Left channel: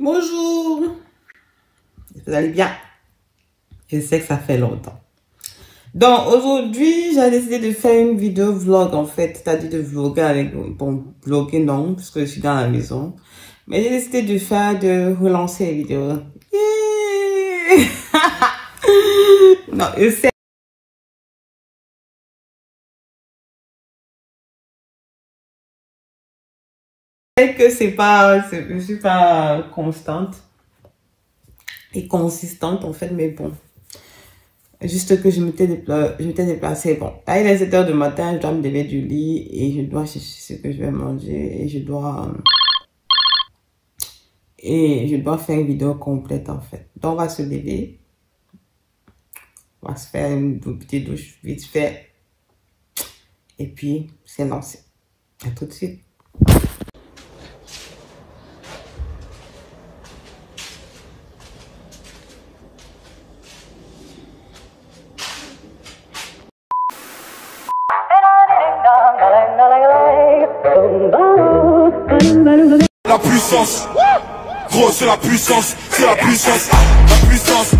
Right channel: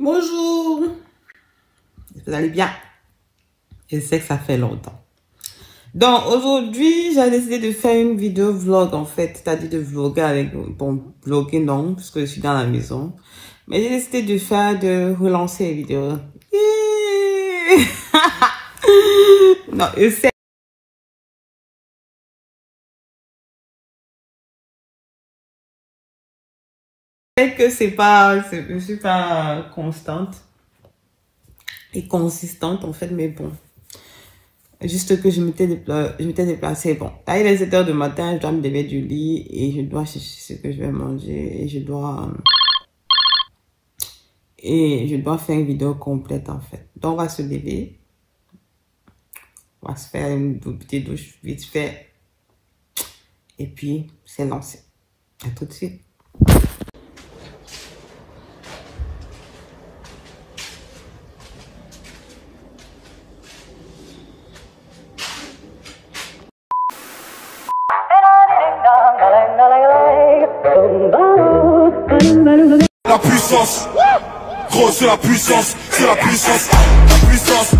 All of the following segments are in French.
Bonjour, vous allez bien? Je sais que ça fait longtemps. Donc aujourd'hui, j'ai décidé de faire une vidéo vlog en fait, c'est-à-dire de vlogger avec, bon, vlogger non, puisque je suis dans la maison. Mais j'ai décidé de relancer les vidéos. Non, je sais que je suis pas constante et consistante en fait, mais bon. Juste que je m'étais déplacée. Bon, là, il est 7 h du matin, je dois me lever du lit et je dois chercher ce que je vais manger et je dois faire une vidéo complète en fait. Donc, on va se lever. On va se faire une petite douche vite fait. Et puis, c'est lancé. À tout de suite. La puissance, gros c'est la puissance, c'est la puissance, la puissance,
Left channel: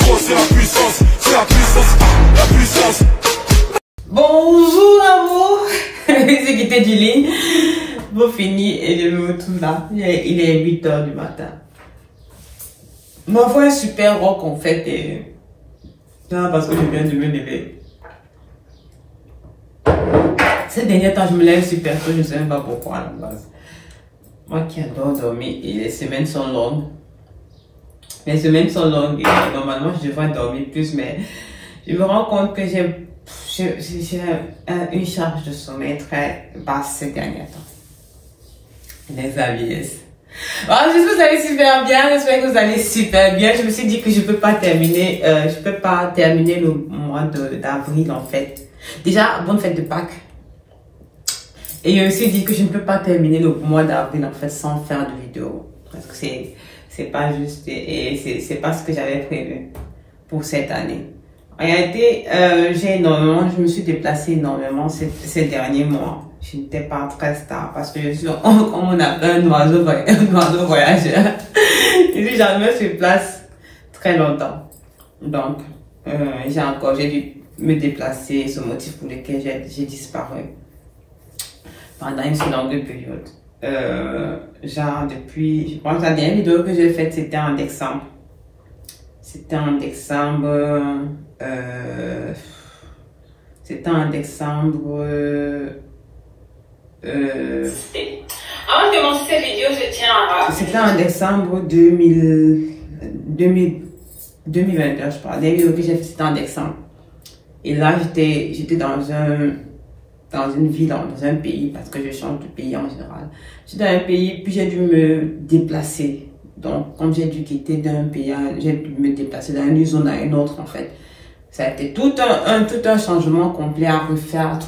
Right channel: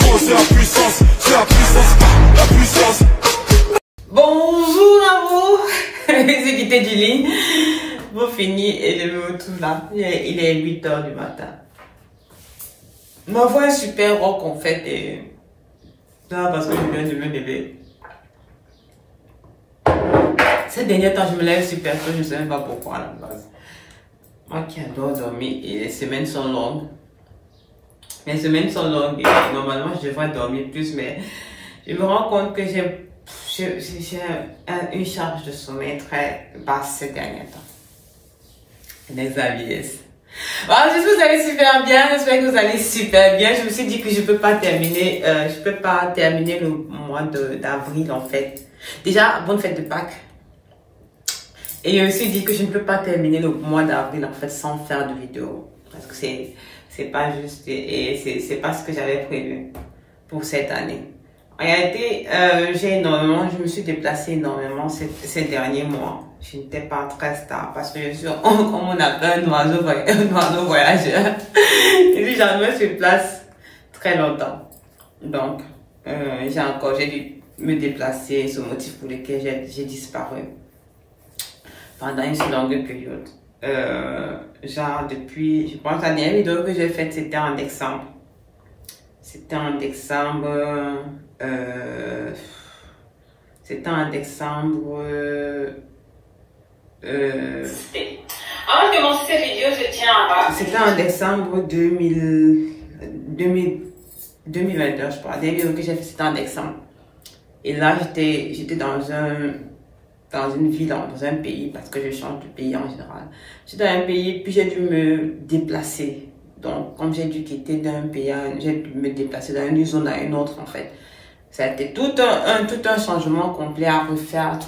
gros c'est la puissance, c'est la puissance, la puissance. Bonjour à vous, c'est quitté du lit, vous fini et je me retrouve là, il est 8 h du matin. Ma voix est super rock en fait et ça parce que je viens de me lever. Ces derniers temps je me lève super tôt, je ne sais même pas pourquoi à la base. Moi qui adore dormir et les semaines sont longues. Les semaines sont longues et normalement je devrais dormir plus, mais je me rends compte que j'ai une charge de sommeil très basse ces derniers temps. Les avis. Voilà, j'espère que vous allez super bien, j'espère que vous allez super bien. Je me suis dit que je peux pas terminer le mois d'avril en fait. Déjà, bonne fête de Pâques. Et je me suis dit que je ne peux pas terminer le mois d'avril en fait sans faire de vidéo. Parce que c'est pas juste et c'est pas ce que j'avais prévu pour cette année. En réalité, je me suis déplacée énormément ces derniers mois. Je n'étais pas très stable parce que je suis, comme on appelle un oiseau voyageur. Et puis jamais sur place très longtemps. Donc, j'ai dû me déplacer, ce motif pour lequel j'ai disparu pendant une si longue période. Genre depuis, je pense que la dernière vidéo que j'ai faite, c'était en décembre. C'était en décembre. Avant de commencer cette vidéo, je tiens à... C'était en décembre 2022, je crois. La dernière vidéo que j'ai faite, c'était en décembre. Et là, j'étais dans une ville, dans un pays, parce que je change de pays en général. J'étais dans un pays, puis j'ai dû me déplacer. Donc, comme j'ai dû quitter d'un pays, j'ai dû me déplacer d'une zone à une autre, en fait. Ça a été tout un changement complet à refaire,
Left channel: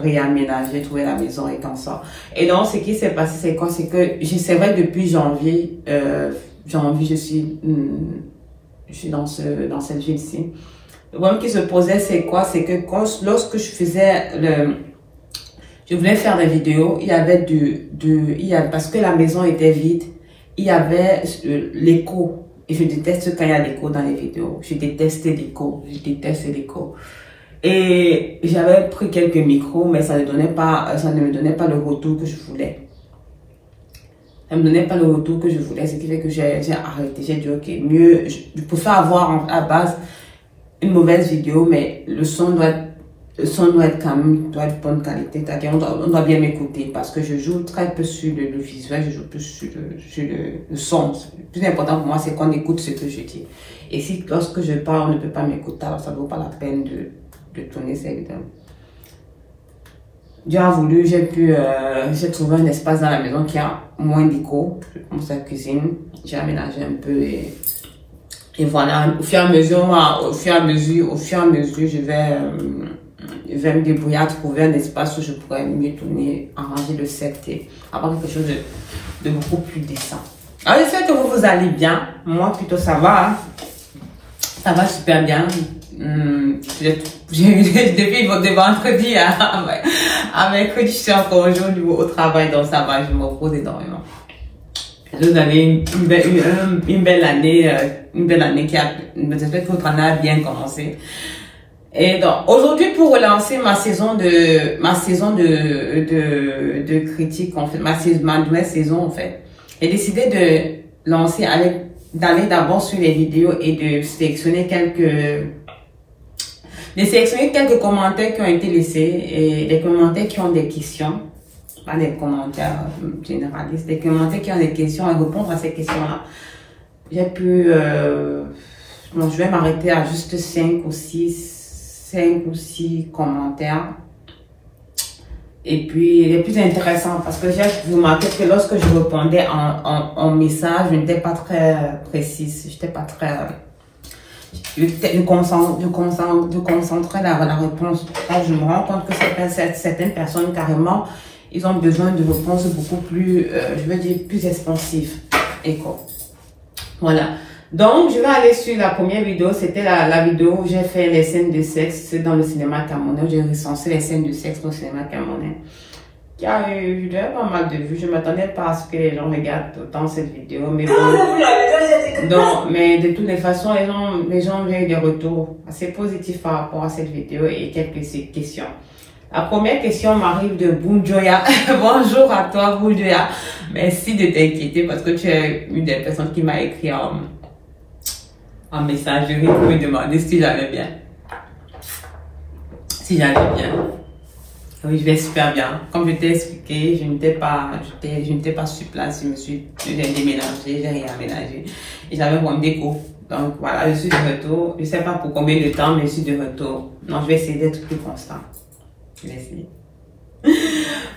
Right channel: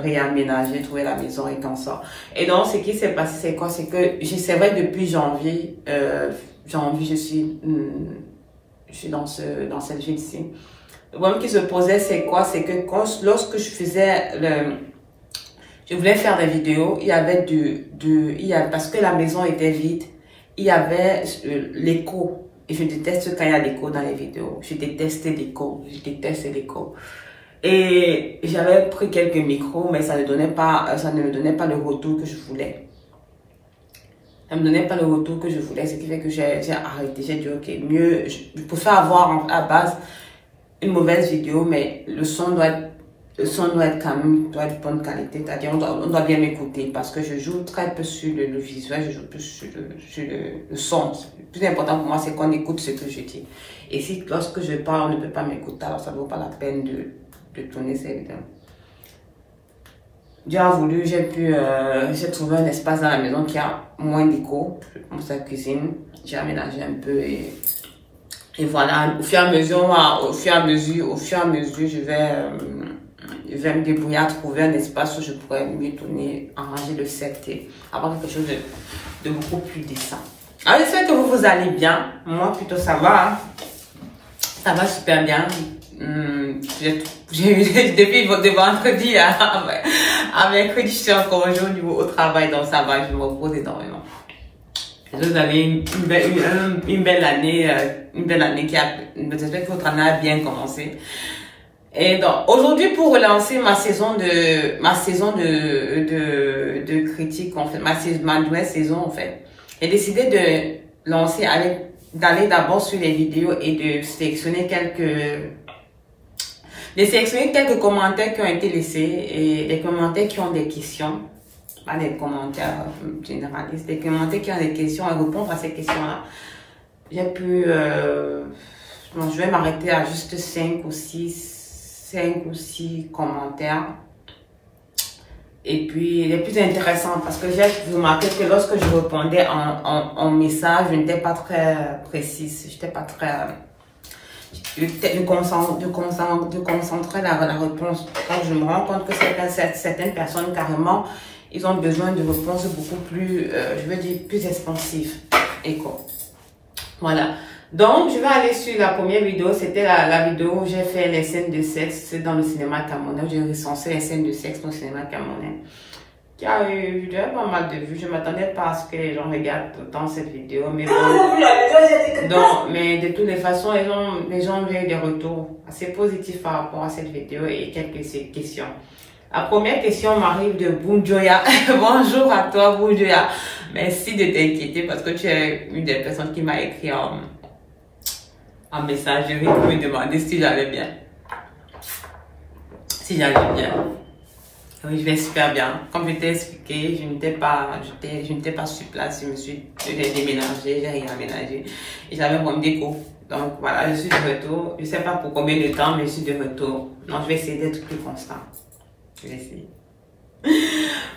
réaménager, trouver la maison et comme ça. Et donc, ce qui s'est passé, c'est quoi? C'est que, c'est vrai, depuis janvier, je suis dans cette ville-ci. Le problème qui se posait, c'est quoi? C'est que lorsque je voulais faire des vidéos, il y avait parce que la maison était vide, il y avait l'écho. Et je déteste quand il y a l'écho dans les vidéos. Je déteste l'écho. Et j'avais pris quelques micros, mais ça ne me donnait pas le retour que je voulais. Ça me donnait pas le retour que je voulais, ce qui fait que j'ai arrêté. J'ai dit, ok, mieux, je préfère avoir à base une mauvaise vidéo, mais le son doit être quand même de bonne qualité. C'est-à-dire, on doit bien m'écouter parce que je joue très peu sur le visuel, je joue plus sur le son. Le plus important pour moi, c'est qu'on écoute ce que je dis. Et si lorsque je parle, on ne peut pas m'écouter, alors ça ne vaut pas la peine de tourner cette vidéo. Dieu a voulu, j'ai trouvé un espace dans la maison qui a moins d'écho. Je commence à la cuisine, j'ai aménagé un peu et voilà, au fur et à mesure, je vais me débrouiller à trouver un espace où je pourrais mieux tourner, arranger le set et avoir quelque chose de beaucoup plus décent. Alors, j'espère que vous allez bien. Moi, plutôt, ça va. Hein. Ça va super bien. Depuis de vendredi à mercredi, je suis encore au travail, donc ça va, je me repose énormément. Vous avez une belle année j'espère que votre année a bien commencé. Et donc, aujourd'hui, pour relancer ma saison de critique, en fait, ma nouvelle saison, en fait, j'ai décidé de lancer d'aller d'abord sur les vidéos et de sélectionner quelques commentaires qui ont été laissés et des commentaires qui ont des questions. Pas des commentaires généralistes, des commentaires qui ont des questions et répondre à ces questions-là. J'ai pu, bon, je vais m'arrêter à juste 5 ou 6 commentaires. Et puis, les plus intéressants, parce que j'ai remarqué que lorsque je répondais en message, je n'étais pas très précise, je n'étais pas très, je concentrais la réponse. Alors, je me rends compte que certaines personnes, carrément, ils ont besoin de réponses beaucoup plus, je veux dire, plus expansives. Et quoi. Voilà. Donc, je vais aller sur la première vidéo. C'était la vidéo où j'ai fait les scènes de sexe dans le cinéma camerounais. J'ai recensé les scènes de sexe dans le cinéma camerounais. Qui a eu pas mal de vues. Je ne m'attendais pas à ce que les gens regardent autant cette vidéo. Mais bon. Donc, mais de toutes les façons, les gens ont eu des retours assez positifs par rapport à cette vidéo et quelques questions. La première question m'arrive de Boudjoya. Bonjour à toi, Boudjoya. Merci de t'inquiéter parce que tu es une des personnes qui m'a écrit en messagerie pour me demander si j'allais bien. Si j'allais bien. Oui, je vais super bien. Comme je t'ai expliqué, je n'étais pas sur place. J'ai déménagé, j'ai réaménagé. Et j'avais mon déco. Donc voilà, je suis de retour. Je ne sais pas pour combien de temps, mais je suis de retour. Non, je vais essayer d'être plus constant. Je vais essayer.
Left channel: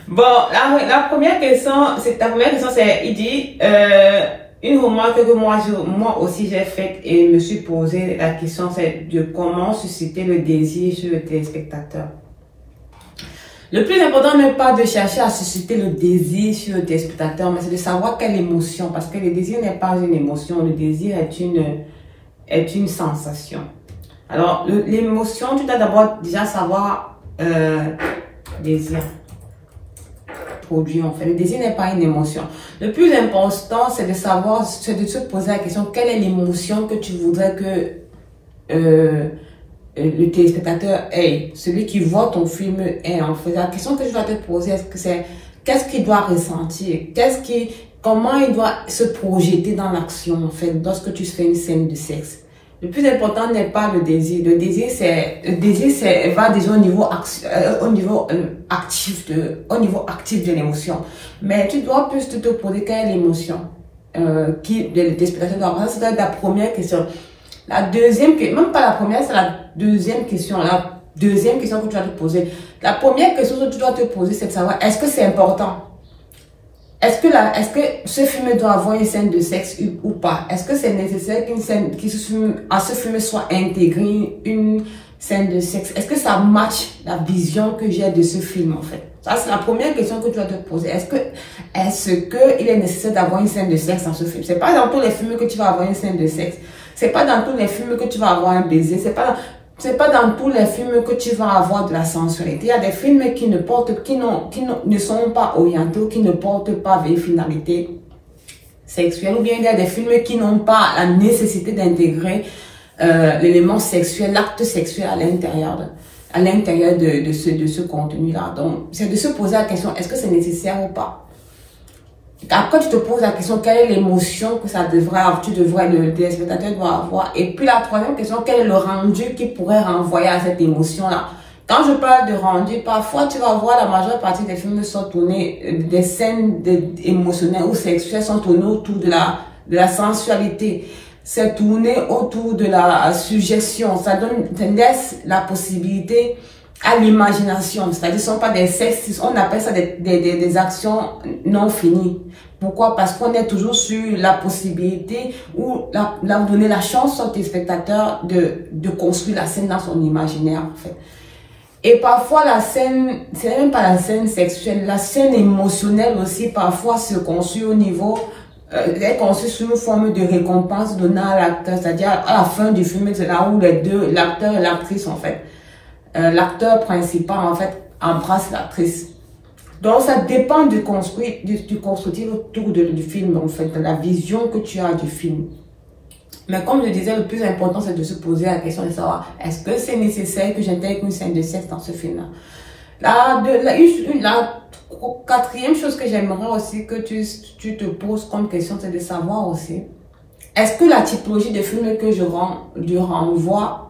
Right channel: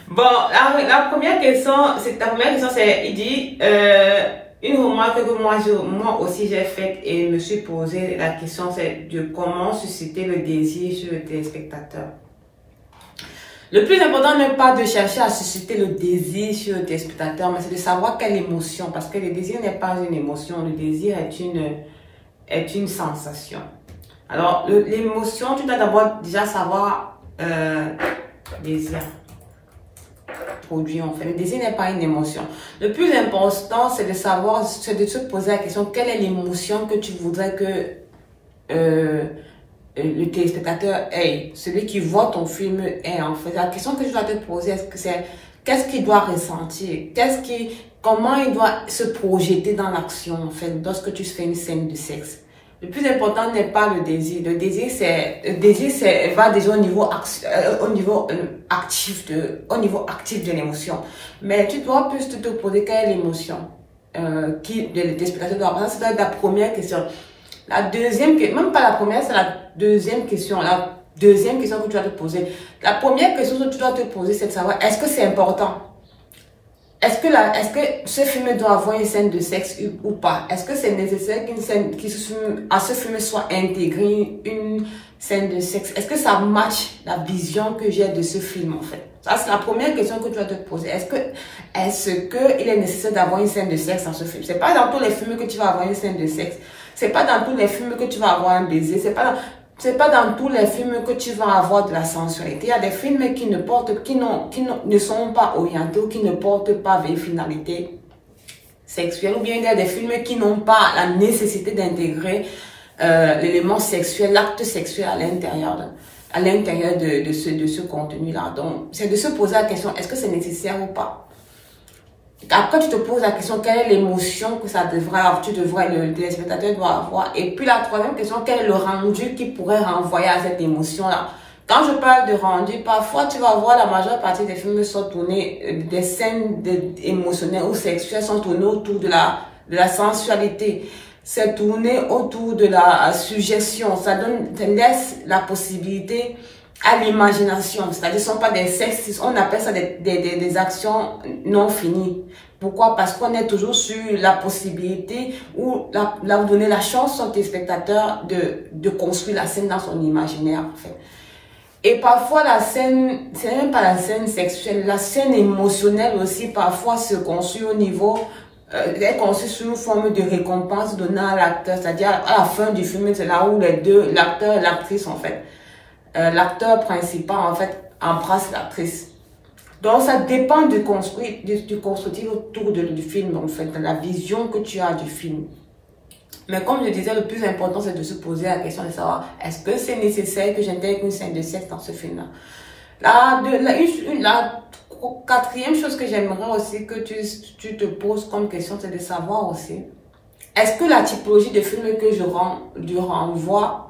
Bon, la première question, c'est, il dit, une remarque que moi aussi j'ai faite et me suis posé la question, c'est de comment susciter le désir sur le téléspectateur. Le plus important n'est pas de chercher à susciter le désir sur le téléspectateur, mais c'est de savoir quelle émotion, parce que le désir n'est pas une émotion, le désir est une sensation. Alors, l'émotion, tu dois d'abord déjà savoir désir produit en fait. Le désir n'est pas une émotion. Le plus important, c'est de savoir, c'est de se poser la question, quelle est l'émotion que tu voudrais que le téléspectateur ait, celui qui voit ton film ait en fait. La question que je dois te poser, c'est qu'est-ce qu'il doit ressentir, comment il doit se projeter dans l'action en fait, lorsque tu fais une scène de sexe. Le plus important n'est pas le désir. Le désir, va déjà au niveau actif de l'émotion. Mais tu dois plus te poser quelle est l'émotion des spectateurs doivent avoir. C'est la première question. La deuxième, même pas la première, c'est la deuxième question. La deuxième question que tu dois te poser. La première question que tu dois te poser, c'est de savoir, est-ce que c'est important? Est-ce que ce film doit avoir une scène de sexe ou pas? Est-ce que c'est nécessaire à ce film soit intégré une scène de sexe? Est-ce que ça match la vision que j'ai de ce film en fait? Ça, c'est la première question que tu dois te poser. Est-ce que il est nécessaire d'avoir une scène de sexe dans ce film? C'est pas dans tous les films que tu vas avoir une scène de sexe. C'est pas dans tous les films que tu vas avoir un baiser. C'est pas dans tous les films que tu vas avoir de la sensualité. Il y a des films qui ne sont pas orientés, qui ne portent pas vers une finalité sexuelle. Ou bien il y a des films qui n'ont pas la nécessité d'intégrer l'élément sexuel, l'acte sexuel à l'intérieur de ce contenu-là. Donc, c'est de se poser la question, est-ce que c'est nécessaire ou pas? Après, tu te poses la question, quelle est l'émotion que le téléspectateur doit avoir? Et puis la troisième question, quel est le rendu qui pourrait renvoyer à cette émotion-là? Quand je parle de rendu, parfois tu vas voir la majeure partie des films sont tournés, des scènes émotionnelles ou sexuelles sont tournées autour de la sensualité. C'est tourné autour de la suggestion. Ça laisse la possibilité à l'imagination, c'est-à-dire ce ne sont pas des sexes, on appelle ça des actions non finies. Pourquoi? Parce qu'on est toujours sur la possibilité ou vous donner la chance au téléspectateur de construire la scène dans son imaginaire en fait. Et parfois la scène, c'est même pas la scène sexuelle, la scène émotionnelle aussi parfois se construit au niveau est conçue sous une forme de récompense donnée à l'acteur, c'est-à-dire à la fin du film, c'est là où les deux, l'acteur et l'actrice en fait, l'acteur principal en fait embrasse l'actrice. Donc, ça dépend du constructif autour du film, en fait, de la vision que tu as du film. Mais comme je disais, le plus important, c'est de se poser la question de savoir, est-ce que c'est nécessaire que j'intègre une scène de sexe dans ce film-là? La quatrième chose que j'aimerais aussi que tu te poses comme question, c'est de savoir aussi, est-ce que la typologie de film que je renvoie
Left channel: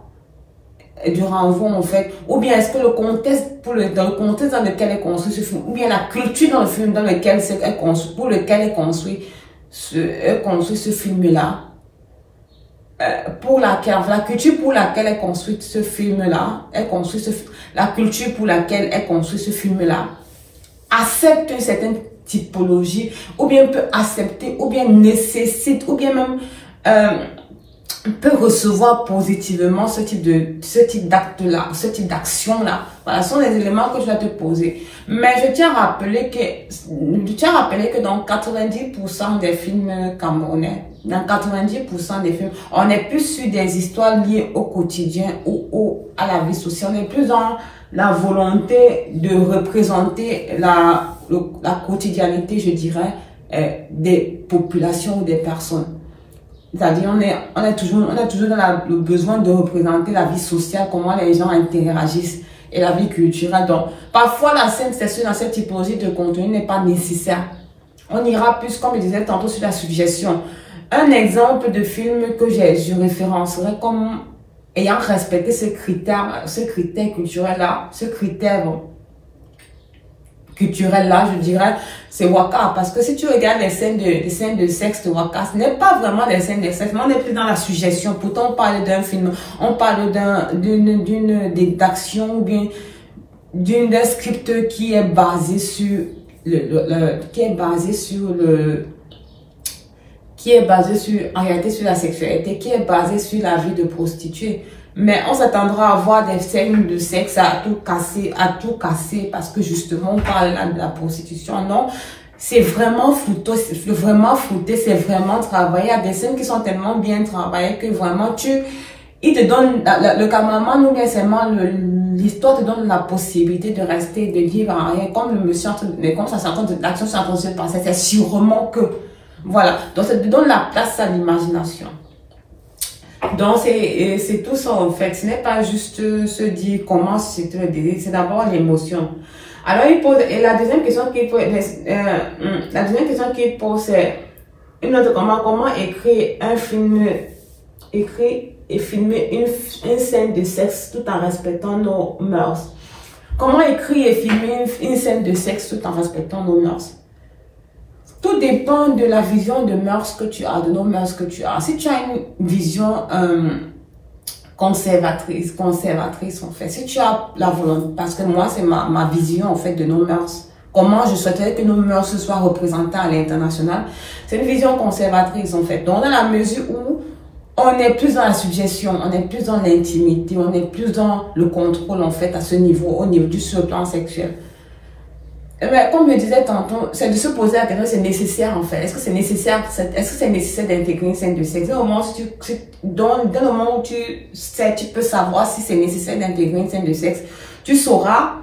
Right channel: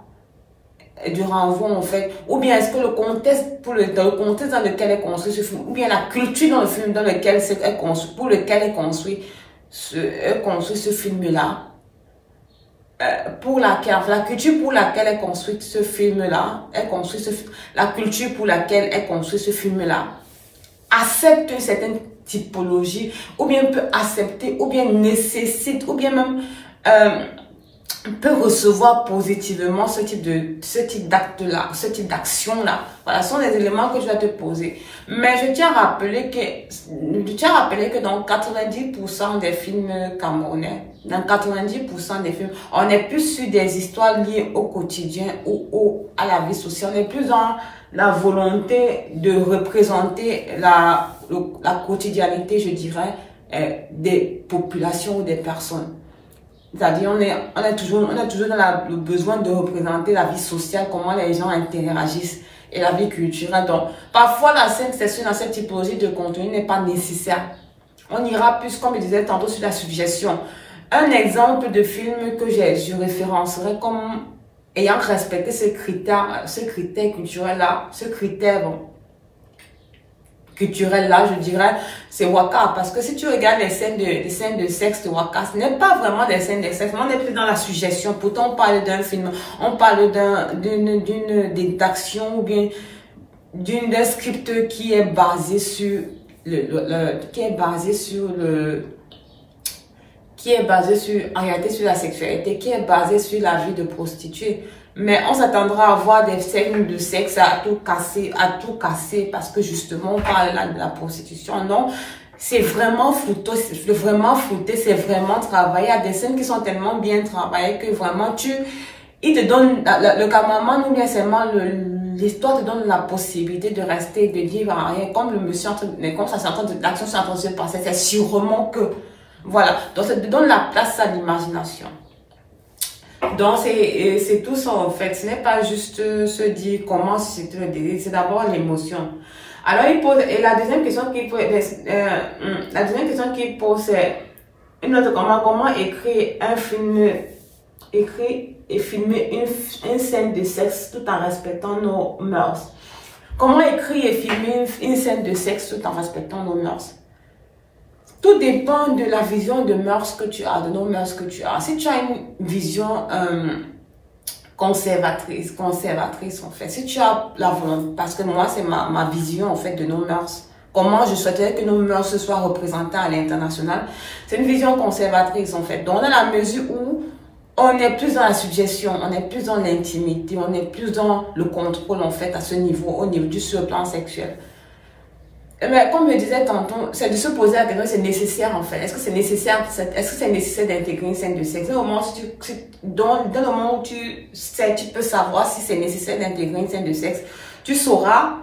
en fait, ou bien est-ce que le contexte, dans le contexte dans lequel est construit ce film, ou bien la culture dans le film dans lequel est construit, pour lequel est construit ce film-là, pour laquelle, la culture pour laquelle est construit ce film-là, la culture pour laquelle est construit ce film-là, accepte une certaine typologie, ou bien peut accepter, ou bien nécessite, ou bien même peut recevoir positivement ce type d'acte-là, ce type d'action-là. Voilà, ce sont les éléments que je vais te poser. Mais je tiens à rappeler que dans 90% des films camerounais, dans 90% des films, on est plus sur des histoires liées au quotidien ou à la vie sociale. On est plus dans la volonté de représenter la quotidianité, je dirais, des populations ou des personnes. C'est-à-dire, on est toujours dans le besoin de représenter la vie sociale, comment les gens interagissent et la vie culturelle. Donc, parfois, la scène sexuelle dans cette typologie de contenu n'est pas nécessaire. On ira plus, comme je disais tantôt, sur la suggestion. Un exemple de film que je référencerai comme ayant respecté ce critère culturel-là, culturel-là, je dirais, c'est Waka. Parce que si tu regardes les scènes de sexe de Waka, ce n'est pas vraiment des scènes de sexe, mais on est plus dans la suggestion. Pourtant, on parle d'un film, on parle d'action ou bien d'un script qui est basé sur en réalité sur la sexualité, qui est basé sur la vie de prostituée. Mais on s'attendra à voir des scènes de sexe à tout casser parce que justement on parle là de la prostitution. Non, c'est vraiment flouté, c'est vraiment travaillé. Il y a des scènes qui sont tellement bien travaillées que vraiment il te donne, le cameraman ou bien seulement l'histoire te donne la possibilité de rester, de vivre en rien. Comme le monsieur, comme ça, l'action s'est en train de se passer, c'est sûrement que, voilà. Donc ça te donne la place à l'imagination. Donc, c'est tout ça en fait. Ce n'est pas juste se dire comment c'est le désir, c'est d'abord l'émotion. Alors, il pose, et la deuxième question qu'il pose, c'est comment écrire un film, et filmer une scène de sexe tout en respectant nos mœurs. Comment écrire et filmer une scène de sexe tout en respectant nos mœurs? Tout dépend de la vision de mœurs que tu as, de nos mœurs que tu as. Si tu as une vision conservatrice en fait, si tu as la volonté, parce que moi c'est ma vision en fait de nos mœurs, comment je souhaiterais que nos mœurs se soient représentées à l'international, c'est une vision conservatrice en fait. Donc dans la mesure où on est plus dans la suggestion, on est plus dans l'intimité, on est plus dans le contrôle en fait à ce niveau, au niveau du sur le plan sexuel. Mais comme je disais tantôt, c'est de se poser la question, c'est nécessaire en fait. Est-ce que c'est nécessaire d'intégrer une scène de sexe? Dans le moment où tu peux savoir si c'est nécessaire d'intégrer une scène de sexe, tu sauras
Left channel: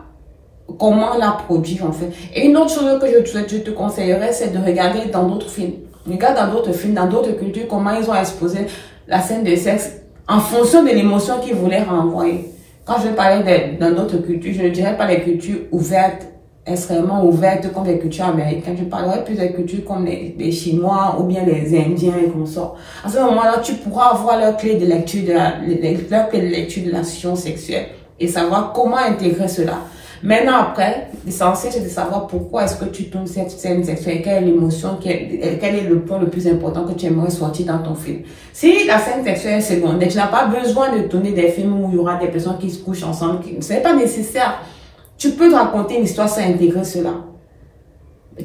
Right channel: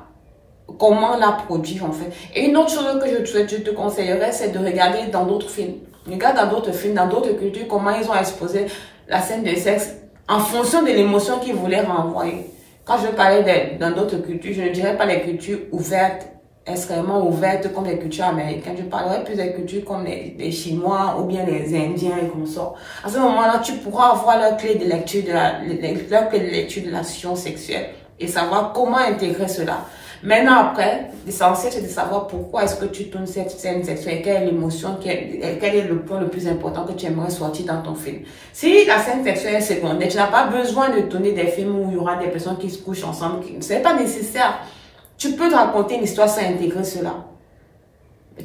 comment la produire en fait. Et une autre chose que je te conseillerais, c'est de regarder dans d'autres films. Regarde dans d'autres films, dans d'autres cultures, comment ils ont exposé la scène de sexe en fonction de l'émotion qu'ils voulaient renvoyer. Quand je parlais dans d'autres cultures, je ne dirais pas les cultures ouvertes, extrêmement ouvertes comme les cultures américaines. Je parlerai plus des cultures comme les Chinois ou bien les Indiens et comme ça. À ce moment-là, tu pourras avoir leur clé de lecture de l'action sexuelle et savoir comment intégrer cela. Maintenant, après, l'essentiel, c'est de savoir pourquoi est-ce que tu tournes cette scène sexuelle, quelle est l'émotion, quel est le point le plus important que tu aimerais sortir dans ton film. Si la scène sexuelle est secondaire, tu n'as pas besoin de tourner des films où il y aura des personnes qui se couchent ensemble. Ce n'est pas nécessaire. Tu peux te raconter une histoire sans intégrer cela.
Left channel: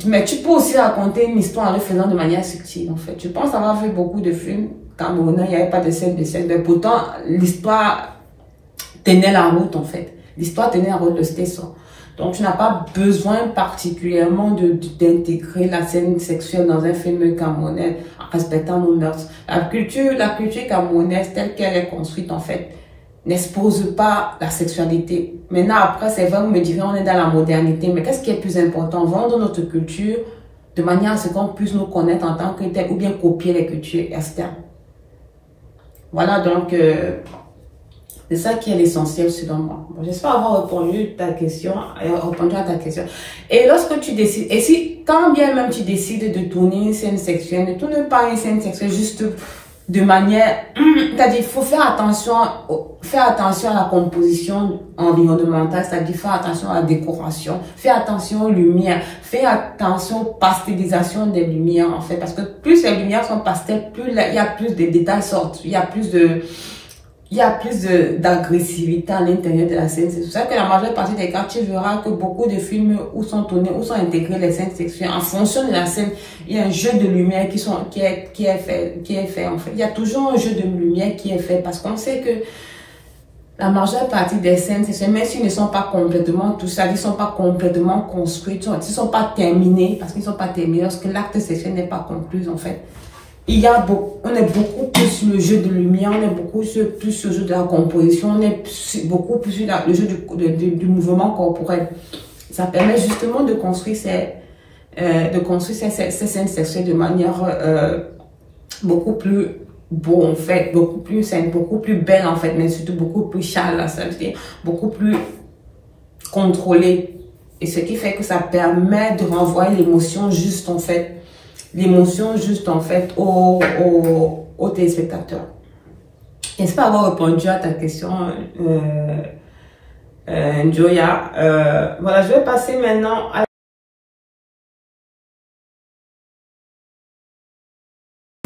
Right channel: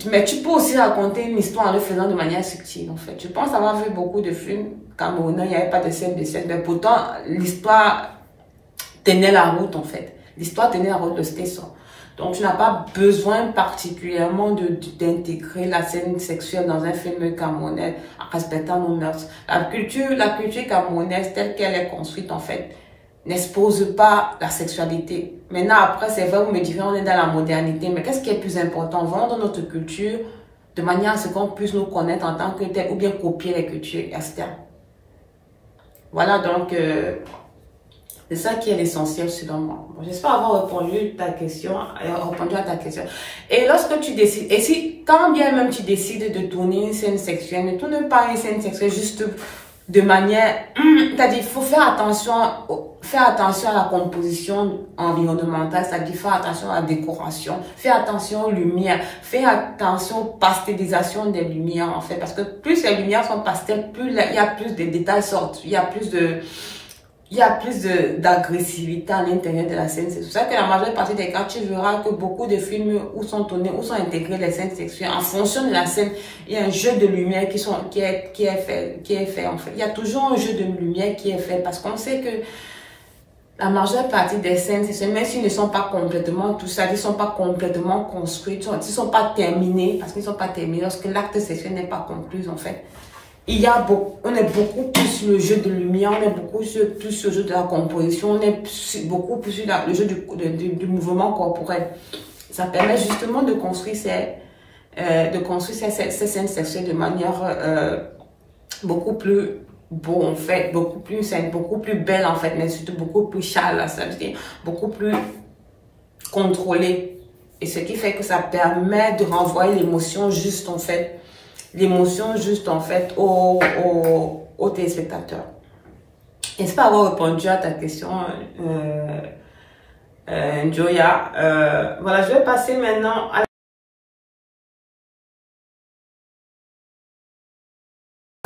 Mais tu peux aussi raconter une histoire en le faisant de manière subtile, en fait. Je pense avoir vu beaucoup de films camerounais, il n'y avait pas de scène de sexe, mais pourtant, l'histoire tenait la route, en fait. L'histoire tenait la route, c'était ça. Donc, tu n'as pas besoin particulièrement d'intégrer la scène sexuelle dans un film camerounais en respectant nos mœurs. La culture camerounaise telle qu'elle est construite, en fait, n'expose pas la sexualité. Maintenant, après, c'est vrai, vous me direz, on est dans la modernité, mais qu'est-ce qui est plus important? Vendre notre culture de manière à ce qu'on puisse nous connaître en tant que tel, ou bien copier les cultures externes. Voilà, donc, c'est ça qui est l'essentiel selon moi. Bon, j'espère avoir répondu à ta question. Et lorsque tu décides, et si, quand bien même tu décides de tourner une scène sexuelle, ne tourne pas une scène sexuelle juste de manière, c'est-à-dire, il faut faire attention à la composition environnementale, c'est-à-dire faire attention à la décoration, faire attention aux lumières, faire attention aux pastelisation des lumières, en fait, parce que plus les lumières sont pastel, plus il y a plus de détails sortent, il y a plus d'agressivité à l'intérieur de la scène. C'est pour ça que la majeure partie des cas, tu verras que beaucoup de films où sont tournés, où sont intégrés les scènes sexuelles, en fonction de la scène, il y a un jeu de lumière qui est fait en fait. Il y a toujours un jeu de lumière qui est fait parce qu'on sait que la majeure partie des scènes sexuelles, même s'ils ne sont pas complètement, tout ça, ils ne sont pas complètement construits, ils ne sont pas terminés, parce qu'ils ne sont pas terminés, lorsque l'acte sexuel n'est pas conclu en fait. On est beaucoup plus sur le jeu de lumière, on est beaucoup plus sur le jeu de la composition, on est beaucoup plus sur le jeu du mouvement corporel. Ça permet justement de construire ces scènes sexuelles de manière beaucoup plus beau en fait, beaucoup plus saine, beaucoup plus belle en fait, mais surtout beaucoup plus chaleur, ça veut dire beaucoup plus contrôlée. Et ce qui fait que ça permet de renvoyer l'émotion juste en fait. Aux téléspectateurs. J'espère avoir répondu à ta question, Joya. Voilà, je vais passer maintenant à...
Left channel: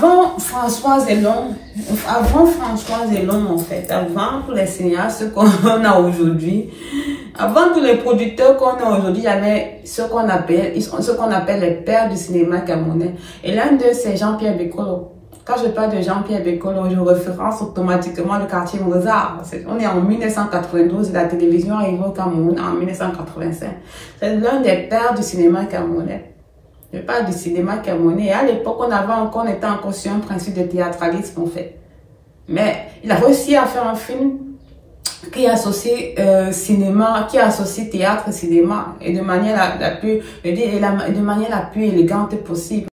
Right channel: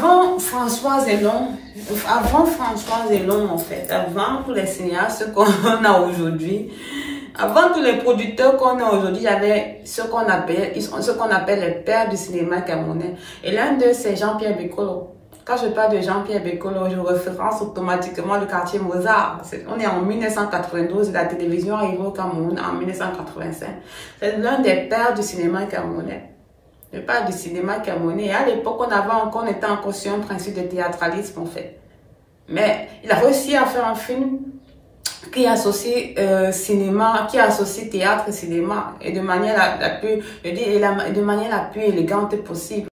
Avant Françoise Elon, en fait, avant tous les cinéastes qu'on a aujourd'hui, avant tous les producteurs qu'on a aujourd'hui, il y avait ce qu'on appelle les pères du cinéma camerounais. Et l'un d'eux, c'est Jean-Pierre Bekolo. Quand je parle de Jean-Pierre Bekolo, je référence automatiquement le quartier Mozart. On est en 1992, la télévision arrive au Cameroun en 1985. C'est l'un des pères du cinéma camerounais. Je parle du cinéma camerounais. Et à l'époque, on était encore sur un principe de théâtralisme, en fait. Mais il a réussi à faire un film qui associe théâtre et cinéma, et de manière la plus élégante possible.